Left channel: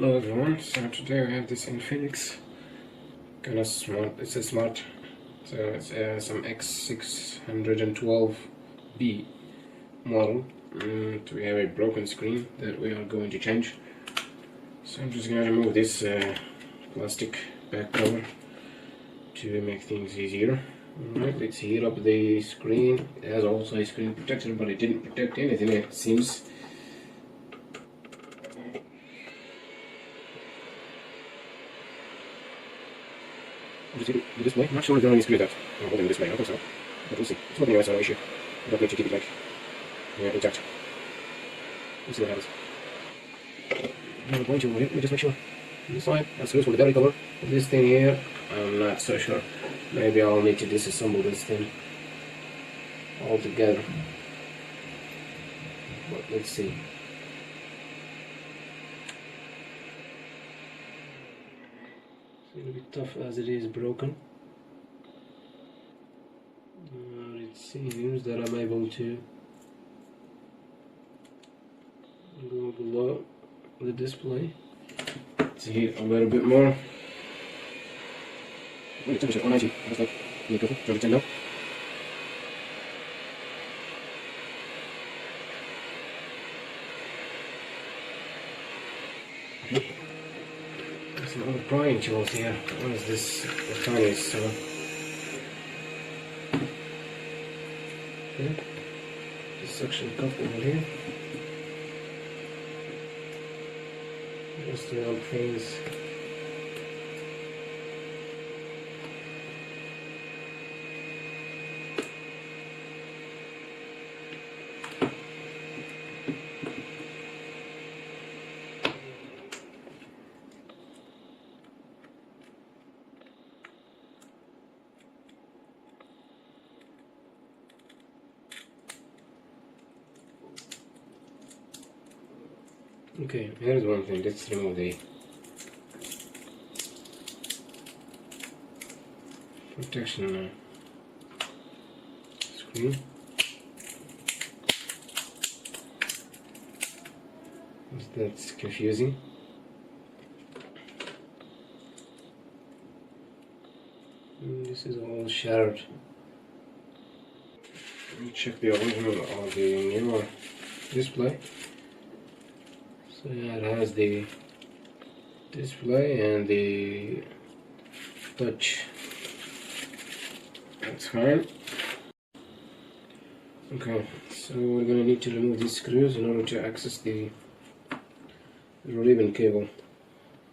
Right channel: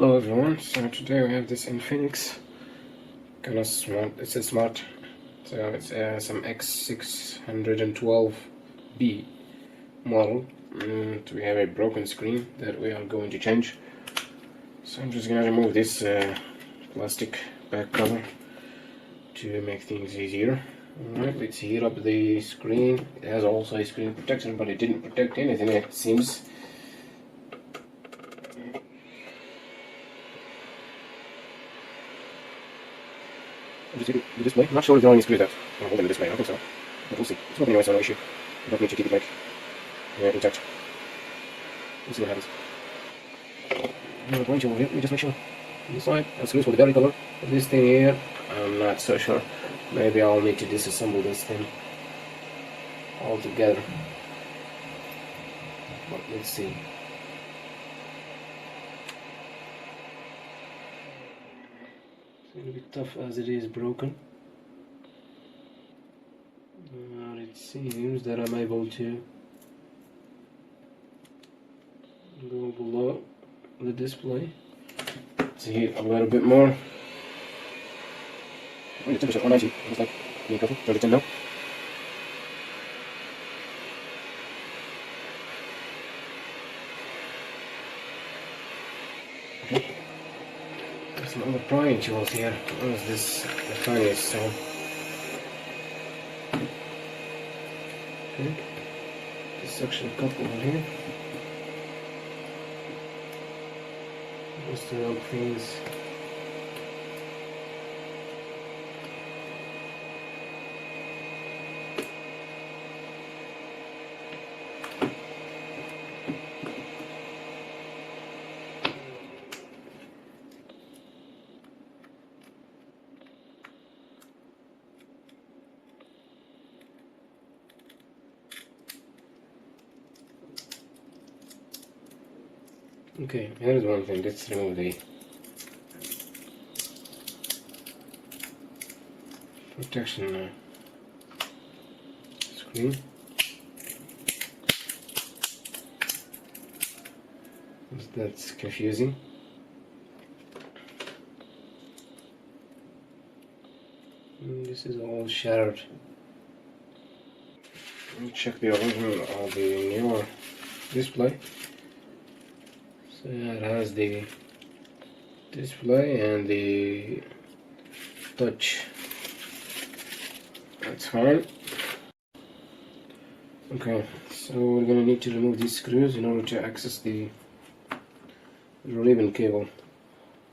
Hello everyone, so today we have this Infinix kind of smart, it's a smart, so it's some X612B model, and we have a broken screen that we are going to change. So I'm just going to remove this plastic back cover to make things easier. Alright, let's heal up the screen. It has also a screen protection, but it didn't protect anything, it seems. The display, I'm not sure if there are any screws out. Not in the display, I don't think so. But we'll see. It's probably not so issue. You don't need to keep it like intact. We'll see what happens. I'm going to let me just make sure. This side, that's good for the belly cover. This thing here, I'm not so sure. Maybe I'll need to disassemble this thing altogether. But we'll see. It's a bit tough as it is broken. It seems that I'm able to go below the display. See a little bit more. We took a check 190. Looks like you have to charge it in now. Okay. Some more prying tools here. What is this? A furnace, so. This section cup over here. Just around things. Okay, here's one thing. Let's remove the protection screen. That's confusing. This is all shattered. Check the original or the newer display. So yeah, it has the display and the touch. That's hard. Okay, so we're gonna need to remove these screws in order to access the ribbon cable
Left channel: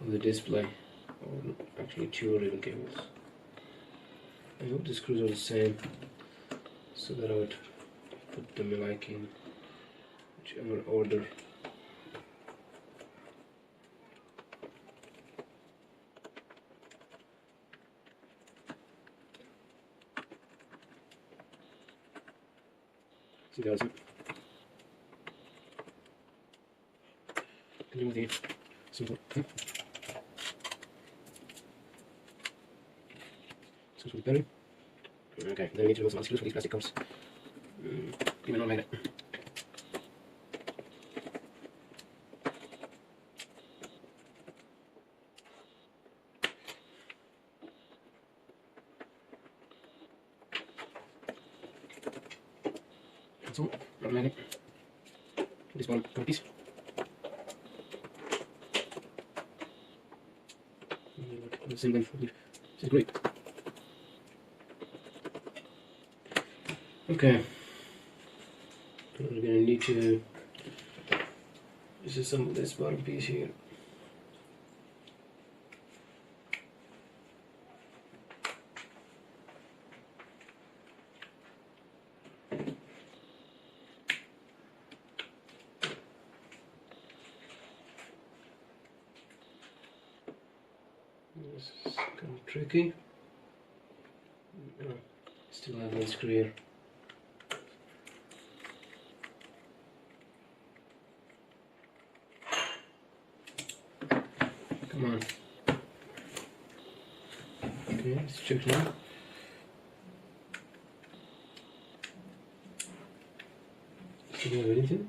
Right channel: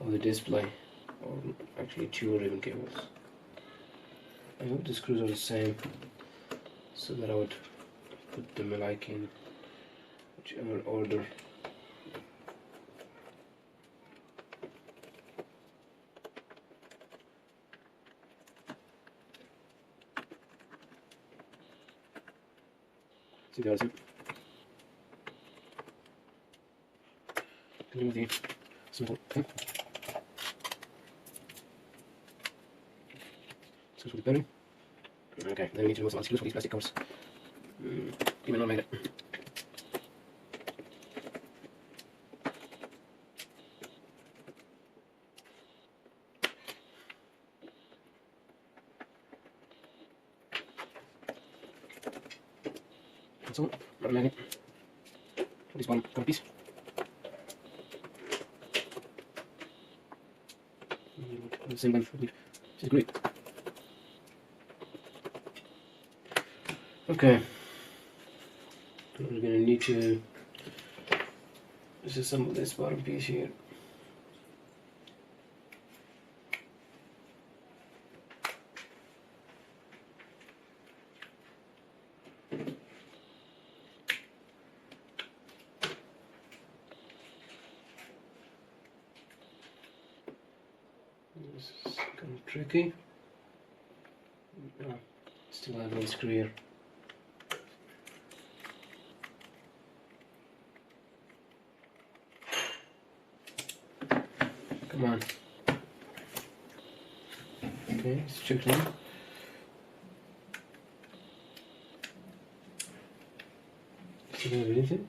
of the display. Well, actually, two ribbon cables. I hope the screws are the same, so that I would put them like in whichever order. So guys, simple. Screws for the better. Okay, then we need to remove some screws for these plastic covers. Even though I made it. So, automatic. This one cover piece. The same one. This is great. Okay. We're gonna need to disassemble this bottom piece here. This is kind of tricky. Still have one screw here. Come on. Okay, let's check now. See anything?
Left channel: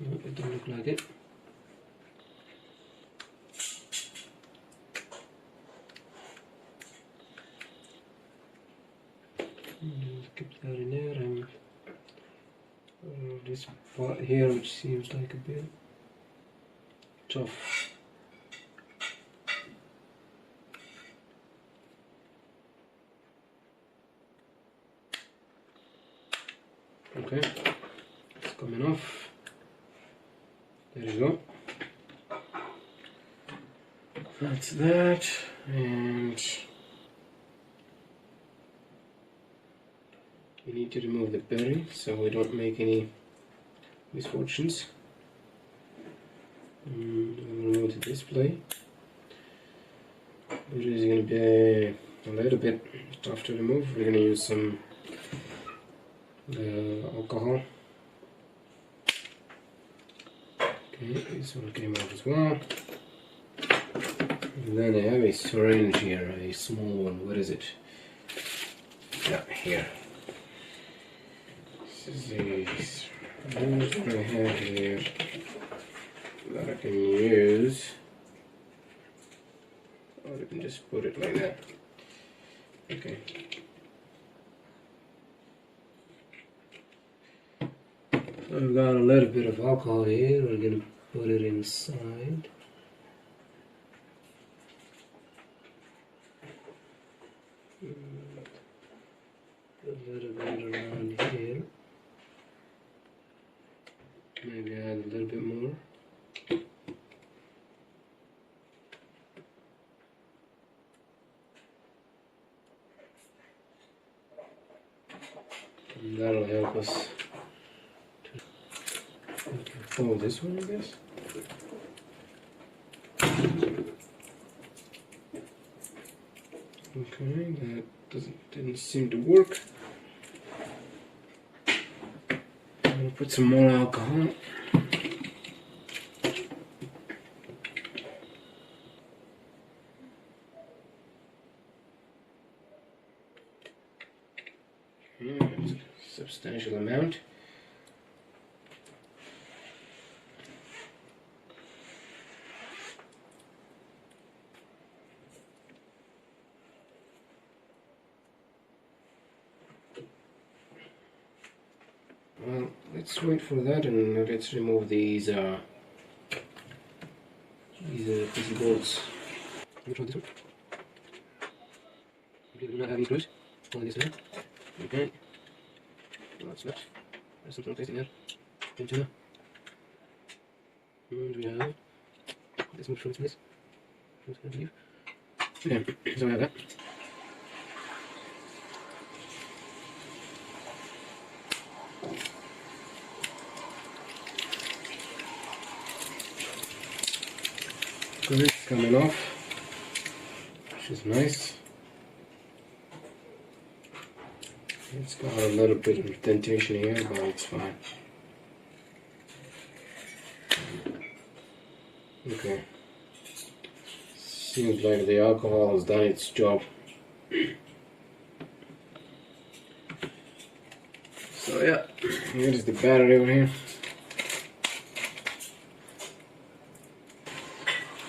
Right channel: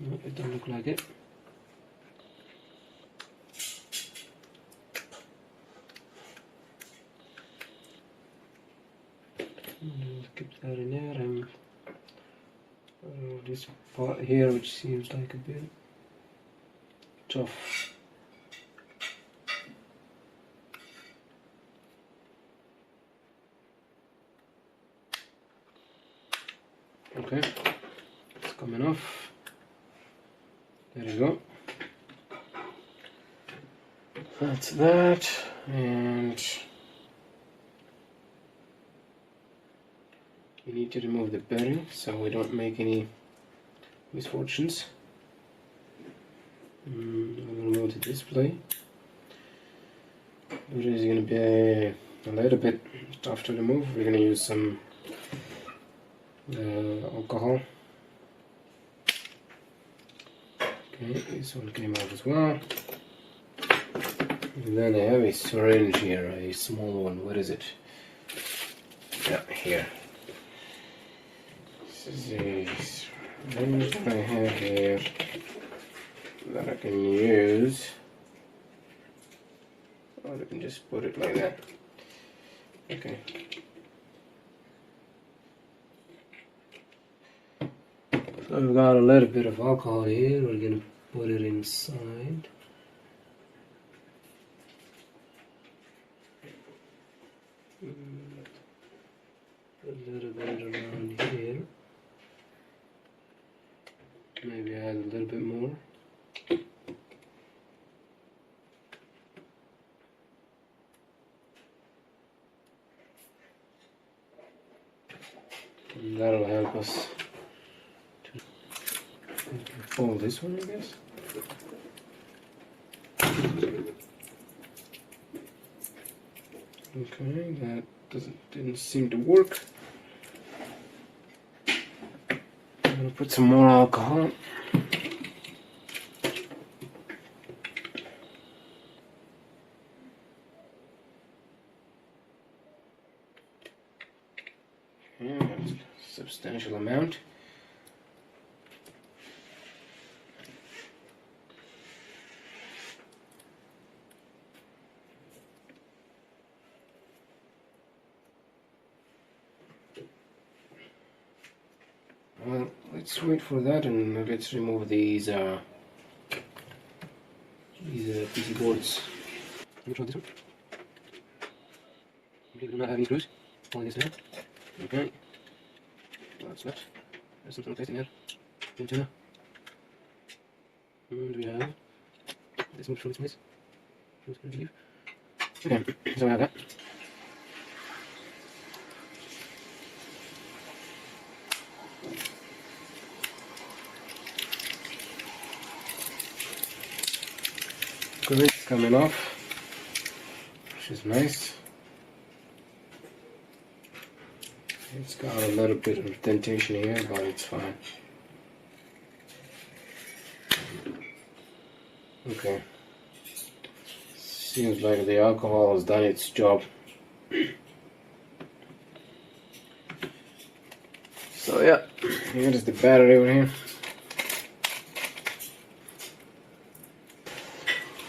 No, it doesn't look like it. that in there, and this part here, which seems like a bit tough. Okay, it's coming off. There you go. That's that, and we need to remove the bearing so we don't make any misfortunes. I'm going to remove the display. It is going to be a little bit tough to remove. We're going to use some alcohol. Okay, this one came out as well. And then I have a syringe here, a small one. What is it? Yeah, here. This is a syringe that I have here that I can use. Or I can just put it like that. Okay. So I've got a little bit of alcohol here. We're going to put it inside. A little bit around here. Maybe add a little bit more. And that'll help us to pull this one, I guess. Okay, that didn't seem to work. I'm gonna put some more alcohol. Yeah, it's a substantial amount. Well, let's wait for that and let's remove these PC boards. Control this one. Okay, we're not having screws. Pulling this in. Okay. So that's that. There's something placed in there. Antenna. And we have this move from this place. I'm just going to leave. Again, so I have that. Great, coming off, which is nice. It's got a little bit of indentation here, but it's fine. Okay. Seems like the alcohol has done its job. So yeah, here's the battery over here.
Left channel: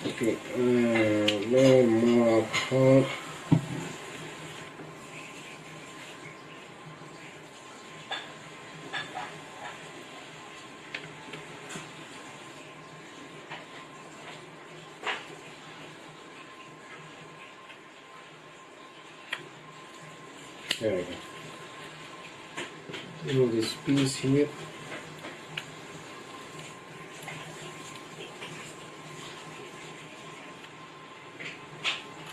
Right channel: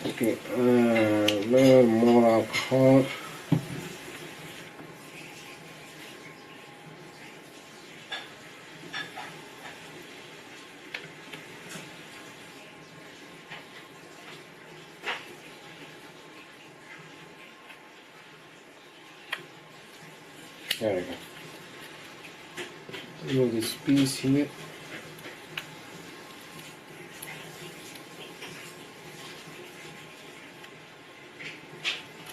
Okay, a little more alcohol. There we go. All this piece here.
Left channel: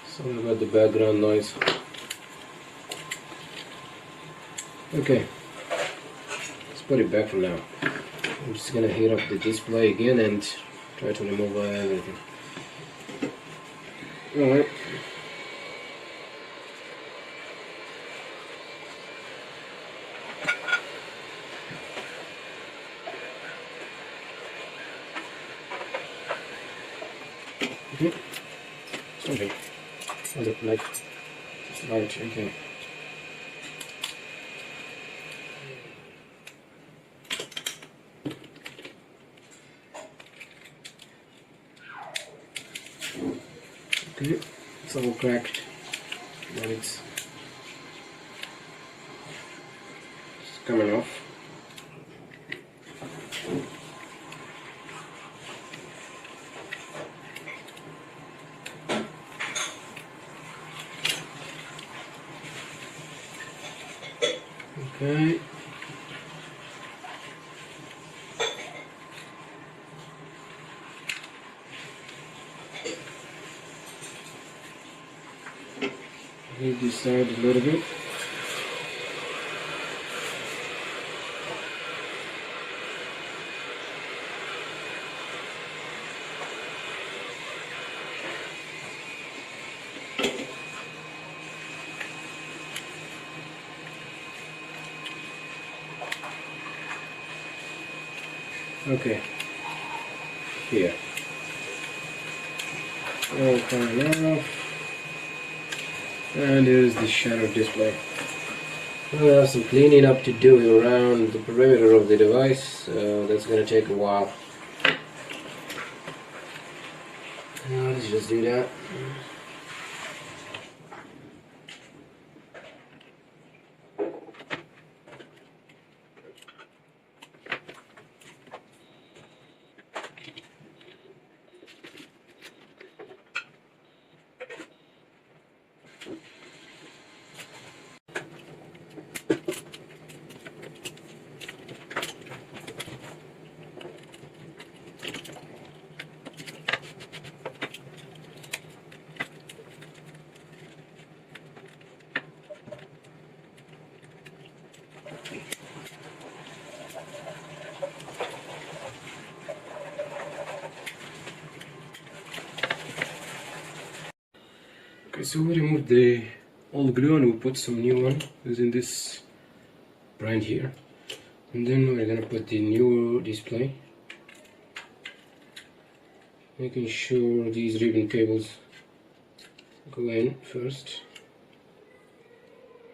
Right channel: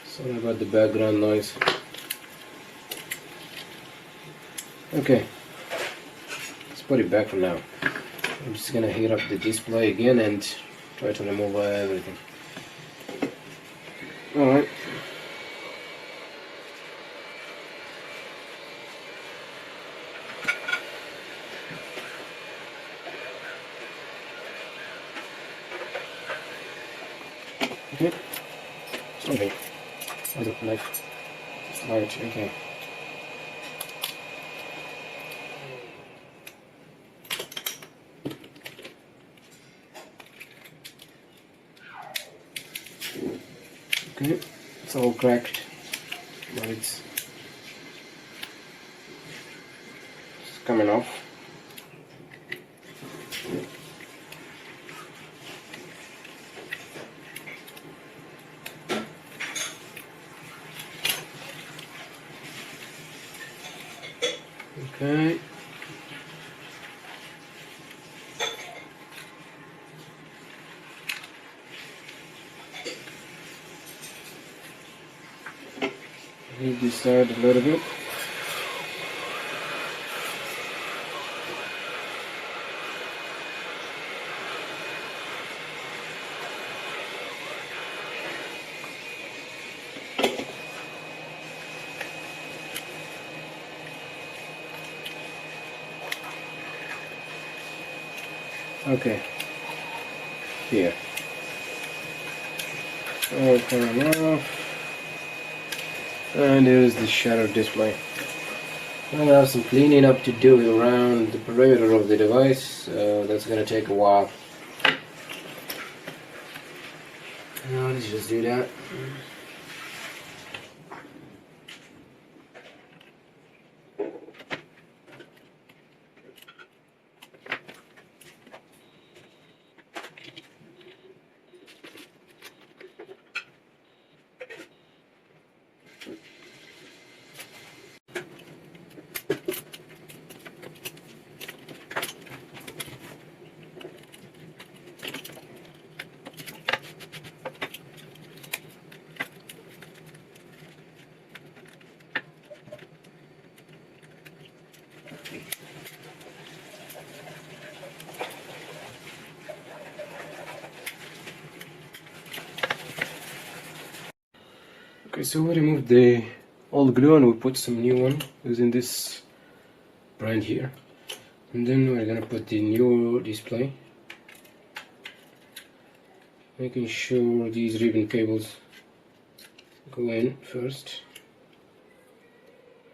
Sorry about the background noise. Okay, let's put it back for now. I'm just gonna heat up the display again and try to remove everything. Alright. Okay. What's it like? Just right, okay. Okay, it's all cracked. coming off. Okay. Heat this side a little bit. Okay. Here. Okay, and there's the shadow display. I'll have some cleaning up to do around the perimeter of the device, so that's gonna take a while. Let's just do that. Okay, so we removed the old glue and we put some new one using this brand here. And then we're gonna put the new display, making sure these ribbon cables go in first,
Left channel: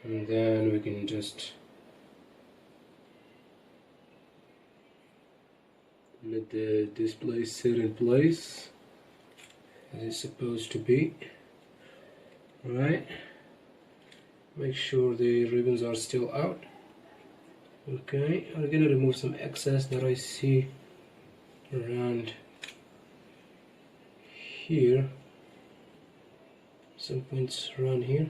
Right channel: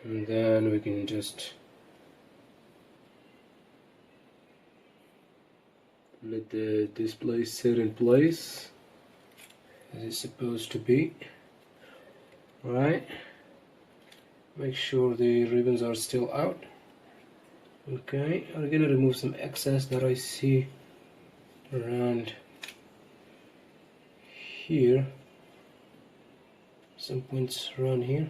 and then we can just let the display set in place as it's supposed to be. Alright, make sure the ribbons are still out. Okay, I'm gonna remove some excess that I see around here, some points around here.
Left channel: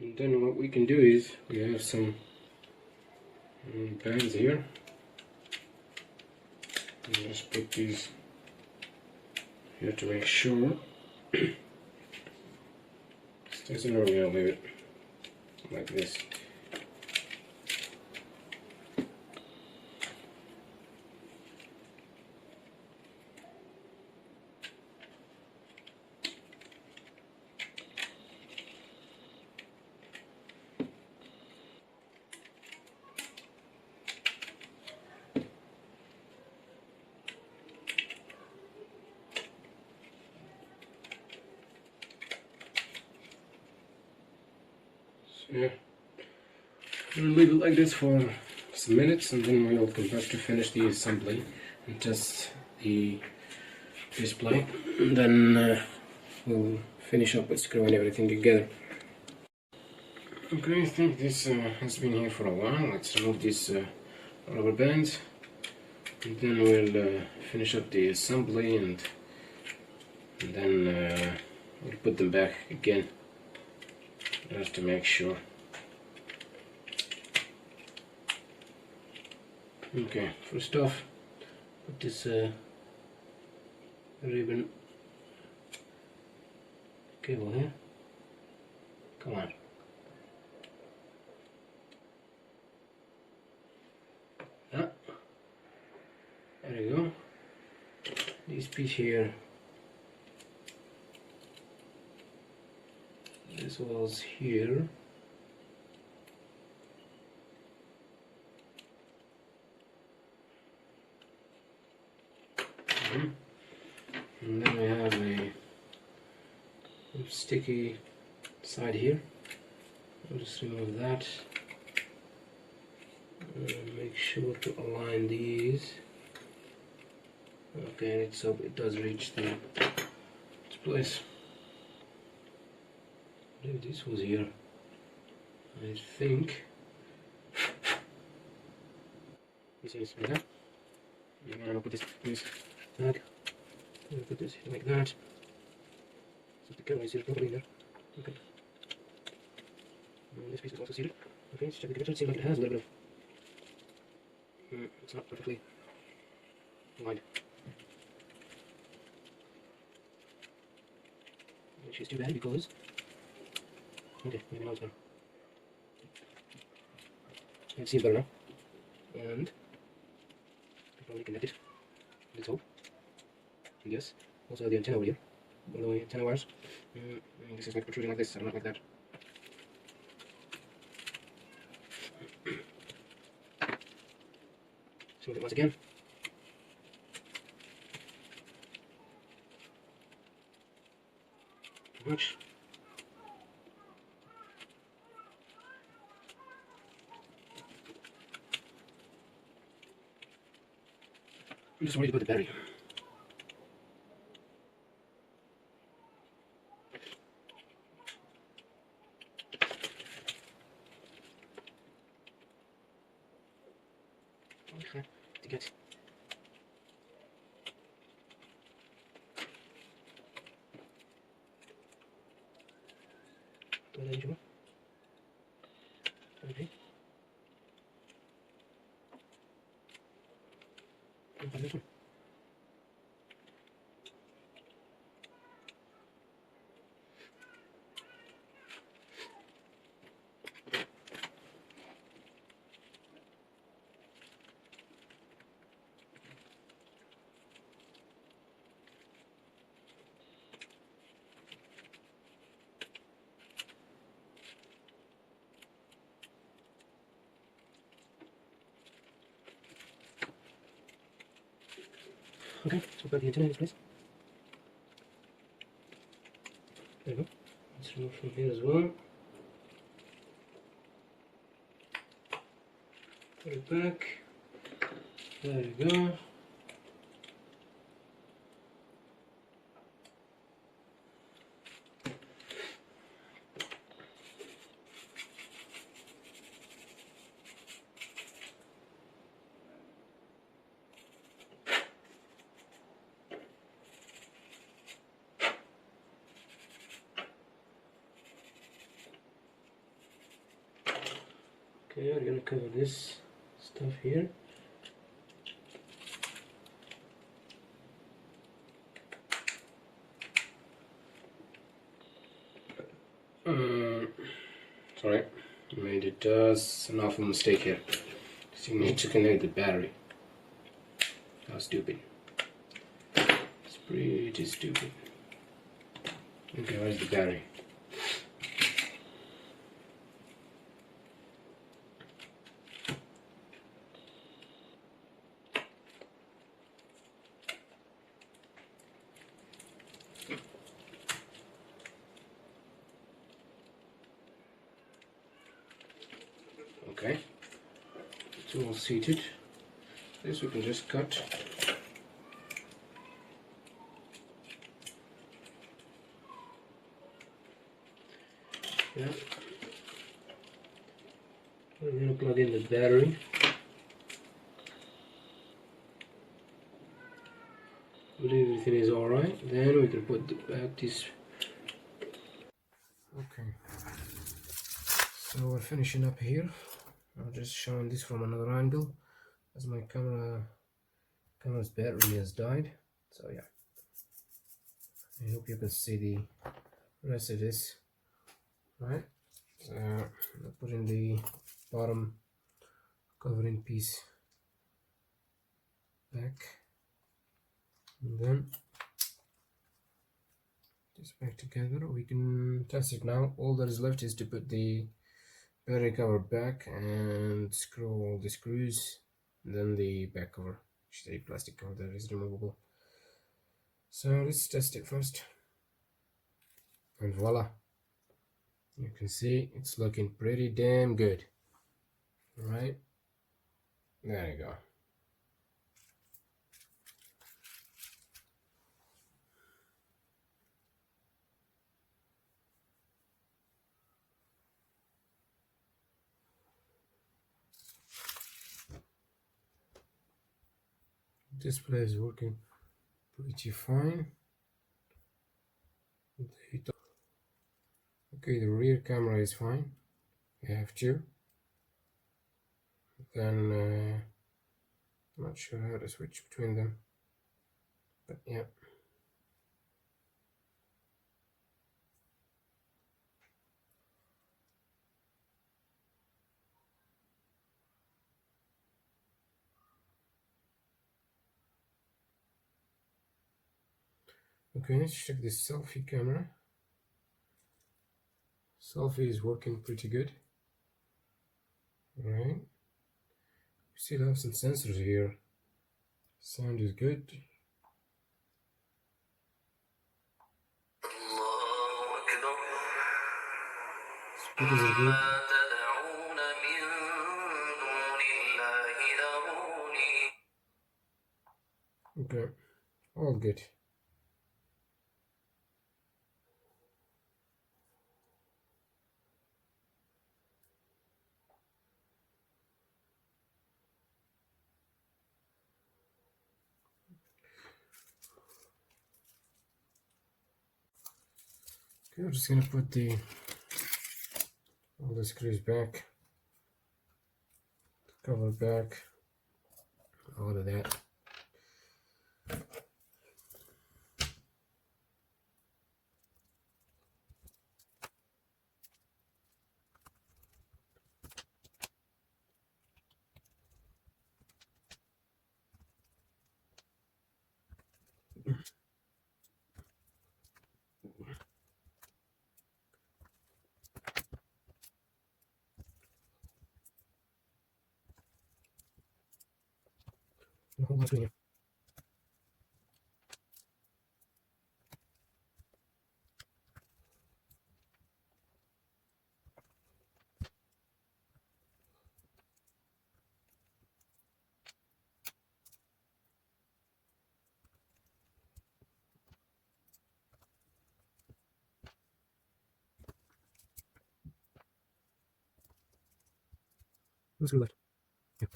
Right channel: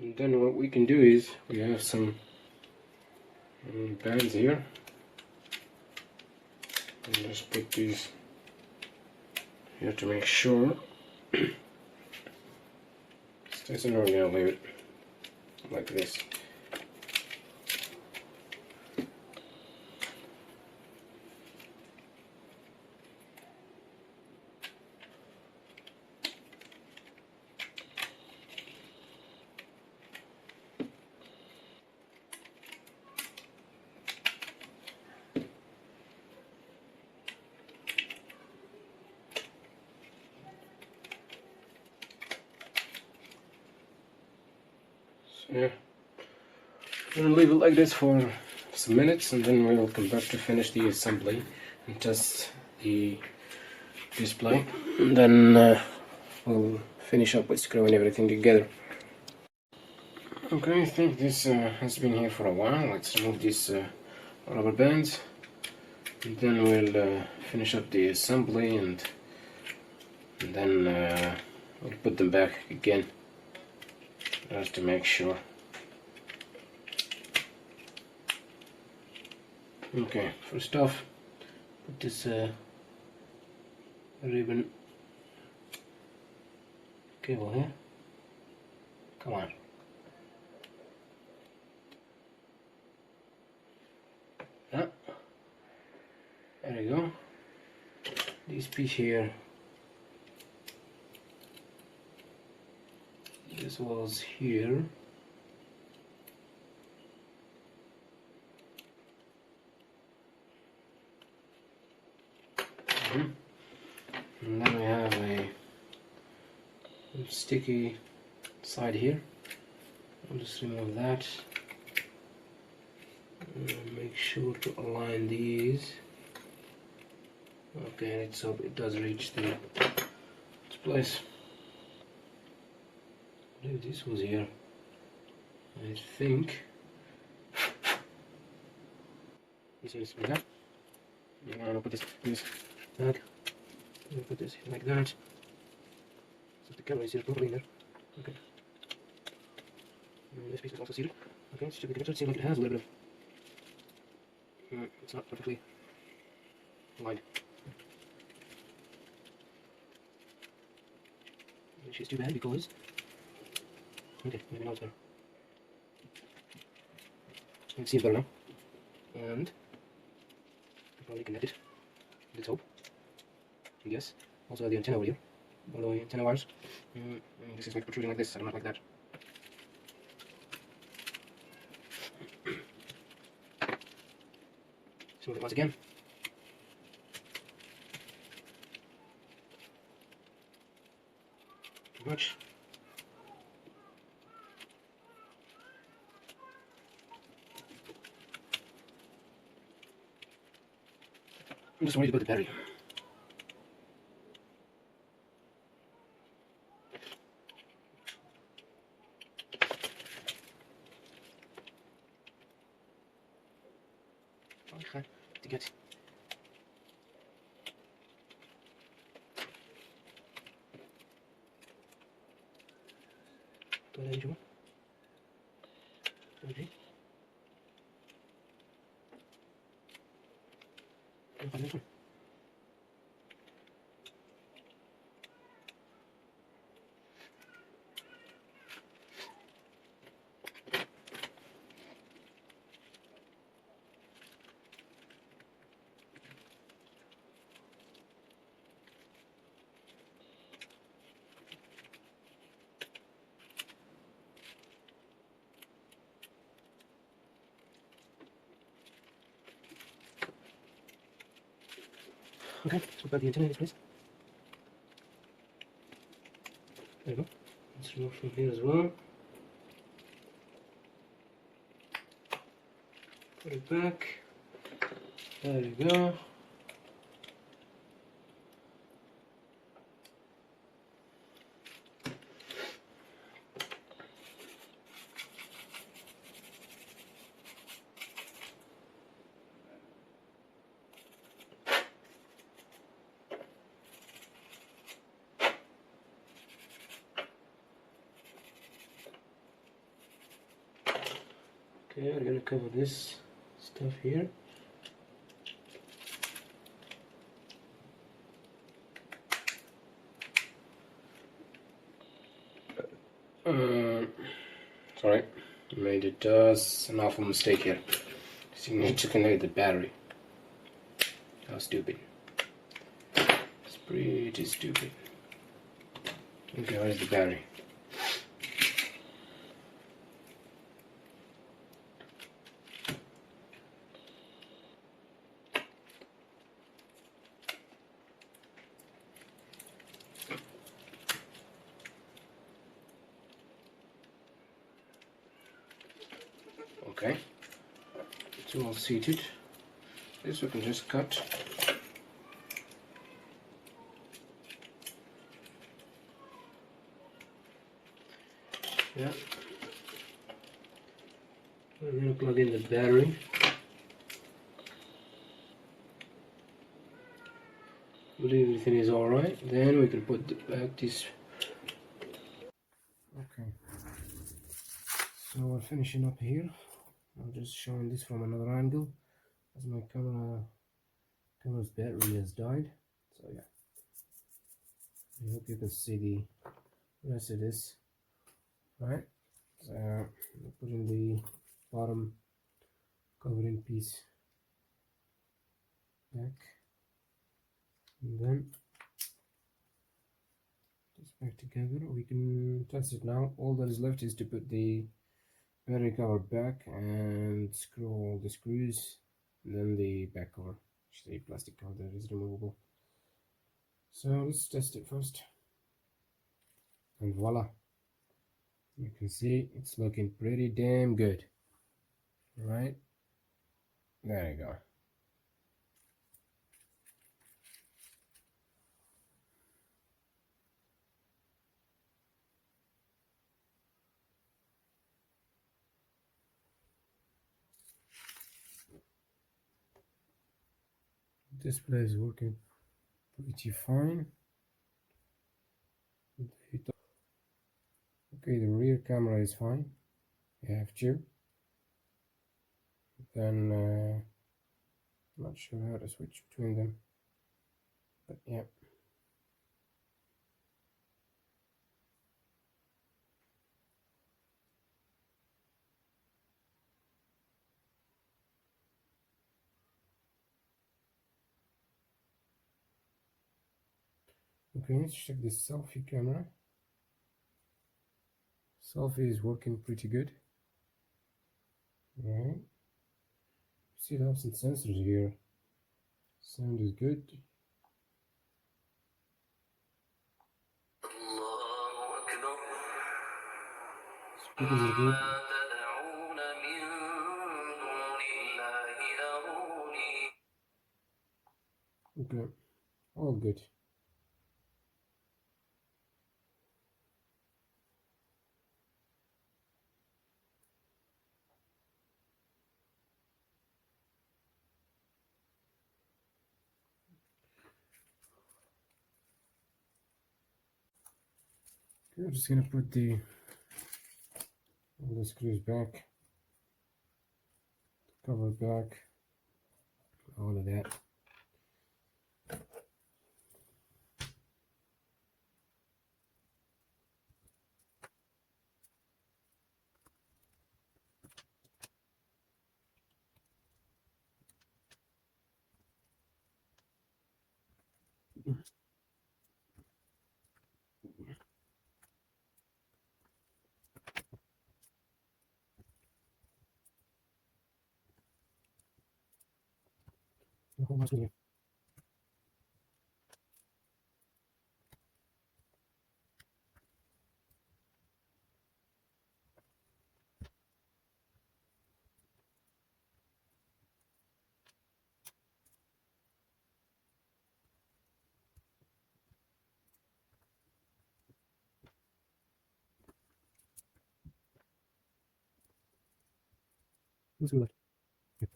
And then what we can do is we have some bands here, and just put these. You have to make sure it doesn't really leave it like this. Yeah, we'll leave it like this for some minutes, and then we'll come back to finish the assembly and test the display, and then we'll finish up with screwing everything together. Okay, I think this has been here for a while. Let's remove these rubber bands, and then we'll finish up the assembly, and then we'll put them back again, just to make sure. Okay, first off, put this ribbon cable here. Come on. Yeah. There you go. This piece here. This was here. And then we have a sticky side here. I'll just remove that. Make sure to align these. Okay, so it does reach its place. This was here. I think this is better. I'm gonna put this in this bag. I'm gonna put this like that. So the camera is here properly there. Okay. And this piece is also seated. Okay, let's check the picture. It seems like it has a little bit of. It's not perfectly wide. She's too bad because. Okay, maybe now it's better. You can see it's better now. And probably connect it to the top. Yes. Also the antenna over here. One of the antenna wires. And this is like protruding like this, I don't like that. So once again. Too much. I'm just worried about the battery. Okay, to get. Okay, so grab the antenna in this place. There we go. Let's remove from here as well. Put it back. There you go. Okay, I'm gonna cover this stuff here. Sorry, I made an awful mistake here. See, I took away the battery. How stupid. It's pretty stupid. Okay, where's the battery? Okay, it's all seated. This we can just cut. Yeah. We're going to plug in the battery. I believe everything is alright. Then we can put back this. Okay. So we're finishing up here. I'm just showing this from another angle as my camera's battery has died. So yeah. I hope you can see the rest of this. Right. So I'm putting the bottom covering piece back, and then this back together. We can test it now. All that is left is to put the battery cover back and screw all the screws, and then the back cover, which is a plastic cover that is removable. So let's test it first, and voila, you can see it's looking pretty damn good. Right, there you go. display is working pretty fine. Okay, the rear camera is fine. I have two. Then I'm not sure how to switch between them, but yeah. Okay, let's check this selfie camera. Selfie is working pretty good. Alright. We still have some sensors here. Sound is good. Speakers are good. Okay, all good. Okay, I'm just gonna put all the screws back, cover back, all of that. Hold on, screw. Screw left. Yeah.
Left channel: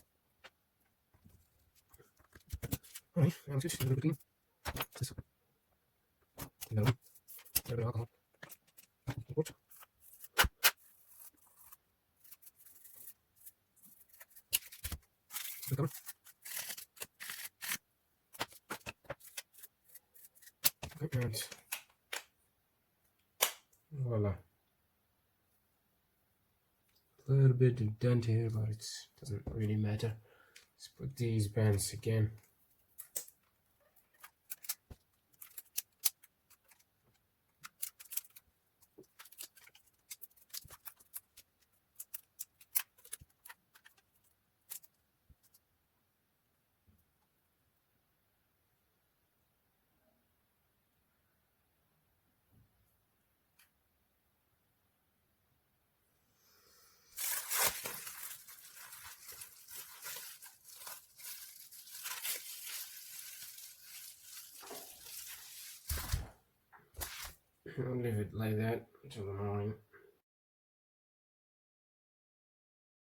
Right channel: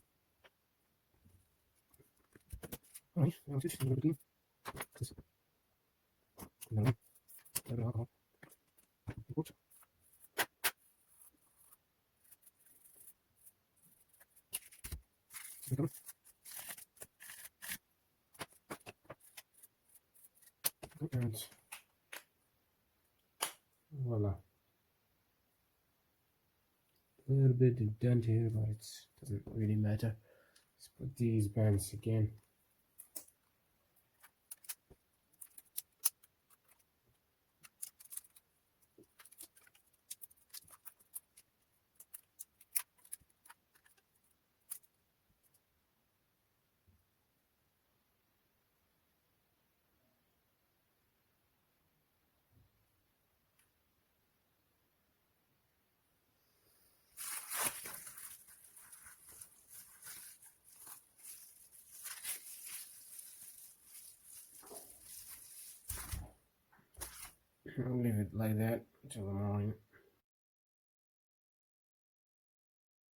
Alright, I'm switch to the routine. This. You know, a little bit of alcohol. Oops. The cover. Okay, and voila. A little bit of dent here, but it doesn't really matter. Let's put these bands again. I'll leave it like that until the morning.